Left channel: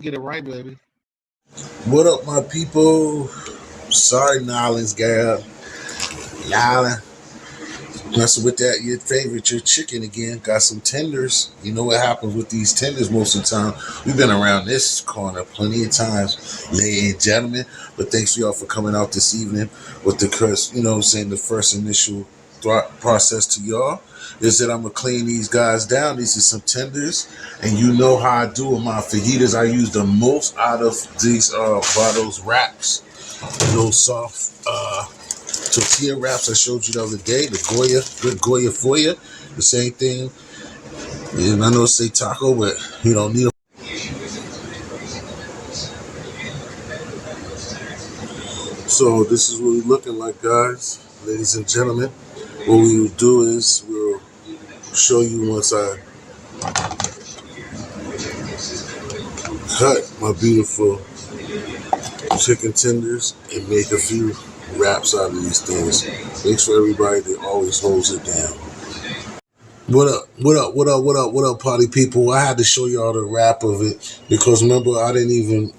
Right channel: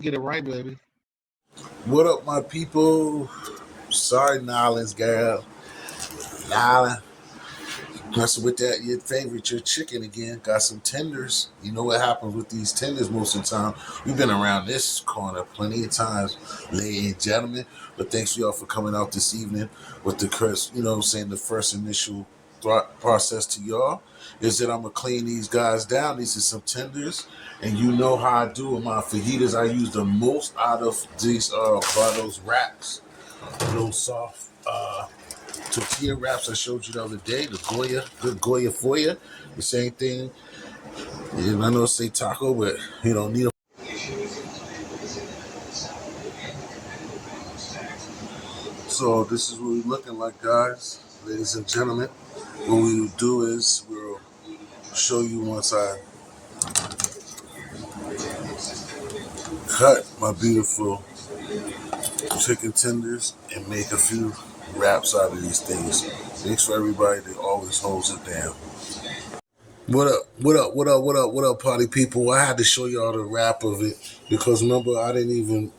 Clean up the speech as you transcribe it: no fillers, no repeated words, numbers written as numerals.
get it right, baby. What up, my people? Sorry, Nolans, girl. Nolans. Messing with that, your favorite, your chicken again. Got some tenders. You know what happens with these tenders most of the time. We've been around this corner plenty of times, ladies and gentlemen. But thanks y'all for coming out this evening with the curse, you know what I'm saying, the first initial thought process to y'all is that I'm going to clean these guys down. These are some tenders. And you know how I do with my fajitas. I use the most out of these those wraps. Those soft tortilla wraps I showed you the other day, the Goya, good Goya for you. The same thing. And I know say taco, but you don't need them. So this is what we're looking like, guys, ladies and gentlemen. What we will do is we'll show you once I cut my beautiful chicken tenders and make a few wraps out of these things. Makes for everybody that always holds it down. What up, what up, what up, what up, what up, party people? I had to show y'all the wrap of it because remember I didn't even